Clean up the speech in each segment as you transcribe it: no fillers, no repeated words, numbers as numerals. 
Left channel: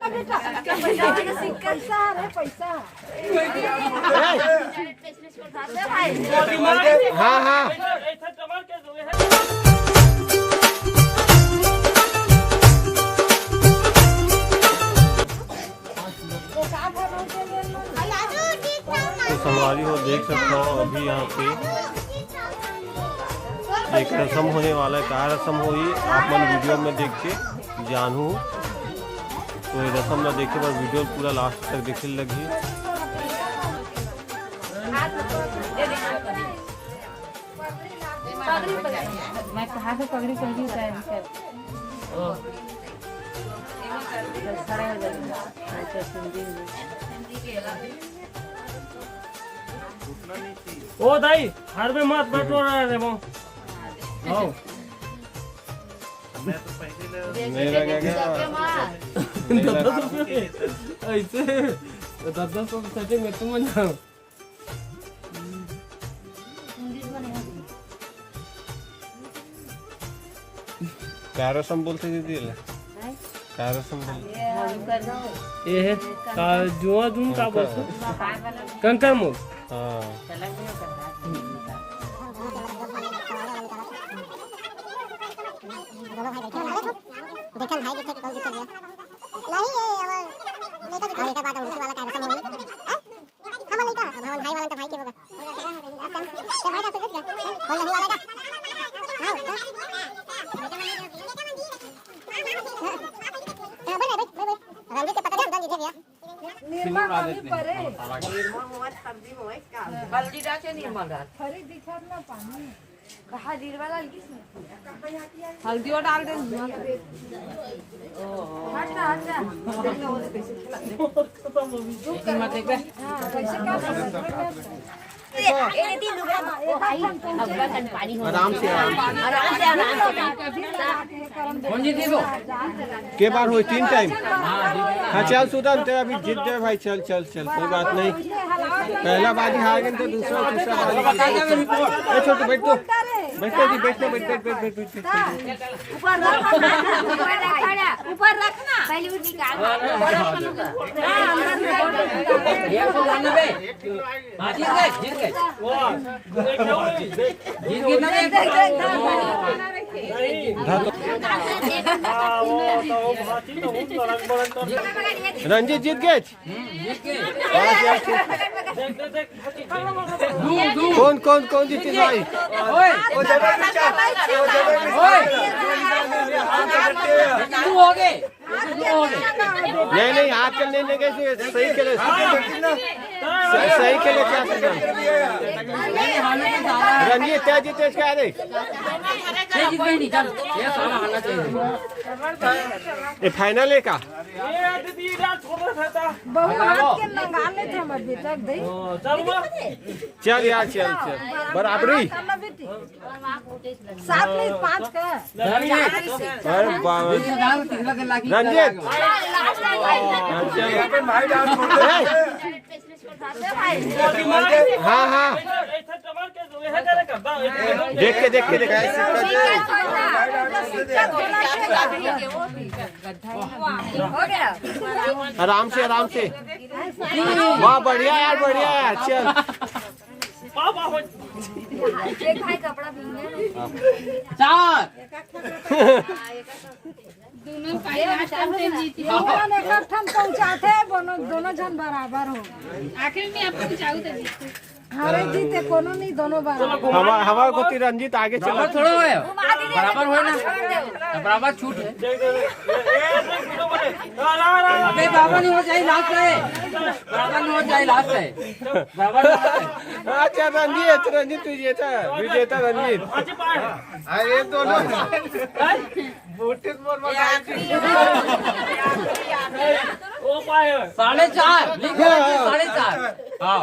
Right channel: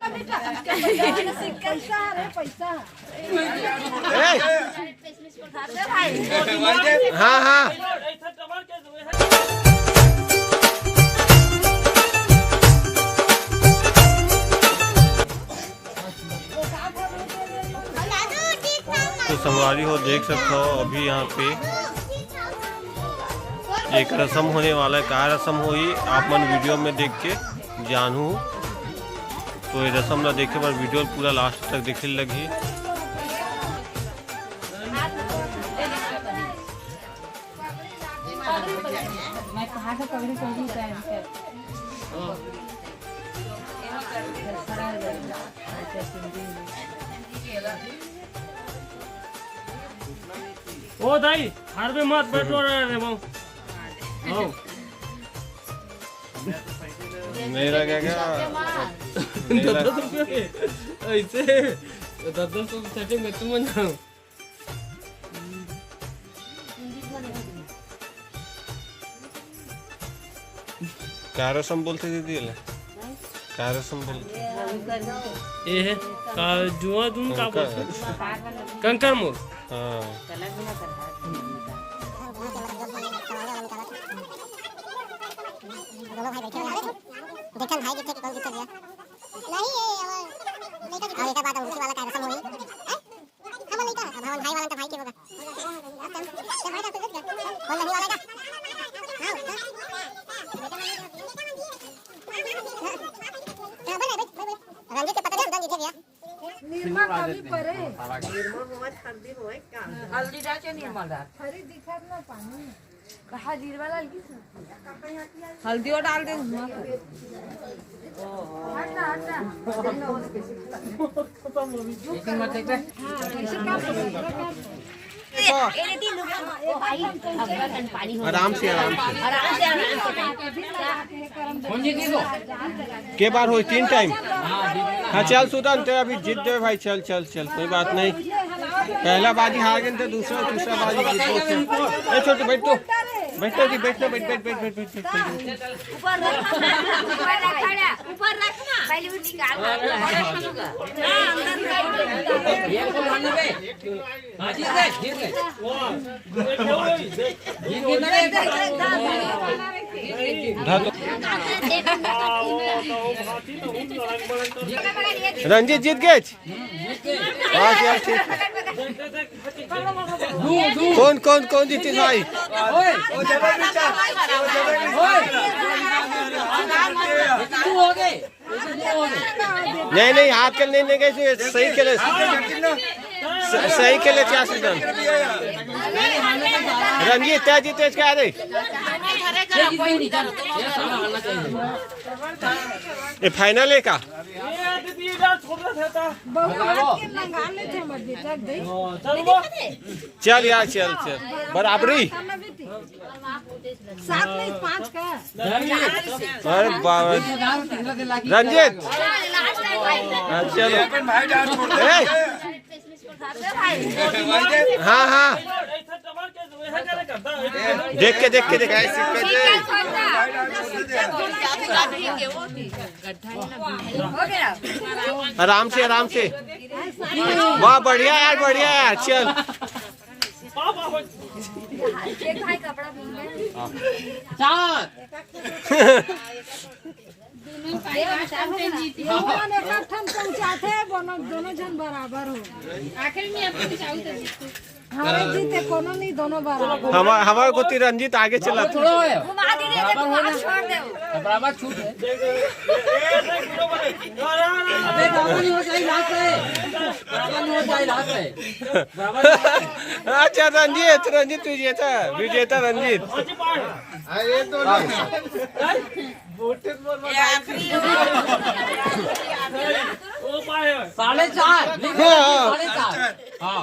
हाँ हाँ तो संगवारी हो देख सकते हो अभी यहाँ पे एक रस्म होने वाला है। क्या रस्म हुई आप मन वीडियो में देख के जानू। तो ये रस्म ना देखे पर वीडियो पूरा लास्ट तक देखे लगी। मैं कहाँ से पगड़ी पहनी पहन कर ओ दाई हर में मत बटलो रहे वो मेरा क्या क्या ऐसे 10 सेटिंग में तुम ना क्या रस्म बोलते दीदी क्या रस्म बोलते ये जुआ जुन का बोलते कंकर मुख हाँ देखन भाई कितने कॉल कितने नहीं ये लेका की लेका बात उनकी वाला का रसम हुई हम लेका भवन भाई वाला तो भाई के होगा ये भाई का कितने कौन नहीं वाला का हां रंजीत के पता नहीं रंजीत भैया निर्मल आदत नहीं हल्दी डाचे निर्मल डाल खरी दिखत ना पानी कहा जीरवा डाल की हल्दी और डाल दे मत देख आराम से कौन जी दो के बार हुई 3 टाइम। हाँ चल सुदन ते अभी जीत दे भाई चल चल चल कोई बात नहीं। पहला बाजी हार गए तो दूसरा तीसरा बाजी छोटे बैठो बैठो जी बैठो बैठ ऊपर रखना पहले वो निकाल जीत गए जीत रंजीत जीत गए। कौन कौन कौन जीती भाई? नहीं नहीं हाथ कर लेने के सही के लिए सही के लिए क्या सीजन रंजीत तय जीते क्या दे ये फाइनल है का चल यार चल चल बराबरी 7 में 5 का अरे बाबा रंजीत हाँ हाँ देख के आराम से वाह बढ़िया यार चल दोनों जन बराबर हो आखिर में आपको चाहूँ हारे जीते कोनो नहीं दोनों बराबर। हमारे को रंजीत आगे चला थोड़ा बराबर हो ना बराबर छूट है अबे बराबर नहीं हो जाए लास्ट है बराबर नहीं हो जाए लास्ट है अच्छा रंजीत तू विजेता रंजीत अरे दोनों साढ़े चार हाँ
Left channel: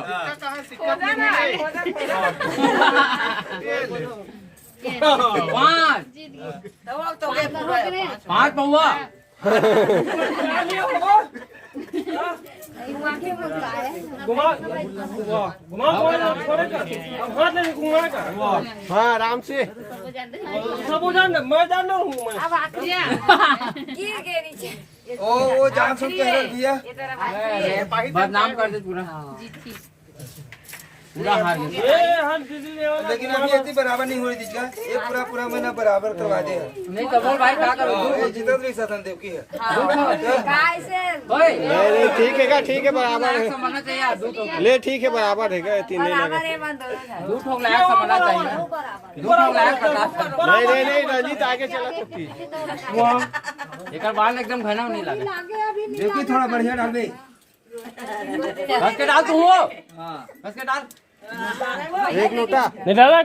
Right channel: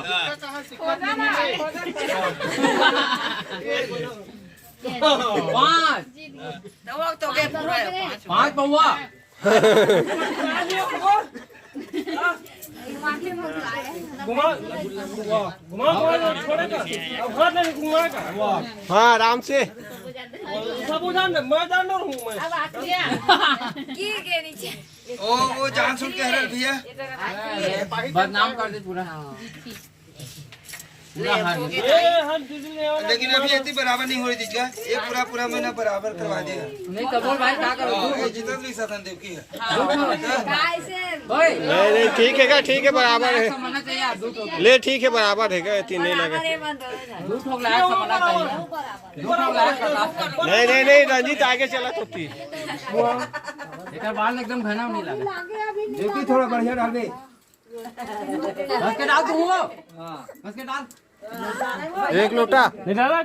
पाँच पौवा हाँ आराम से सब जान मैं जान रहा हूँ मैं गिर गए नीचे वो जान सुन के हर भैया बदनाम कर दे पूरा पूरा हार लेकिन अभी इतनी बराबर नहीं हो रही चीज का ये पूरा महीना बराबर करवा देगा नहीं कमल भाई क्या करो जितना भी साधन देव की है ओए नहीं ठीक है बराबर है समझना चाहिए दूध हो ले ठीक है बराबर है इतनी नहीं लगे दूध हो गया समझना चाहिए दूध हो गया नहीं रंजीत आगे चला तो ठीक एक बाल एकदम घना नहीं लगा देखिए थोड़ा बढ़िया डाल दे बस के डाल तू हां बस के डाल एक लोटा नहीं डाला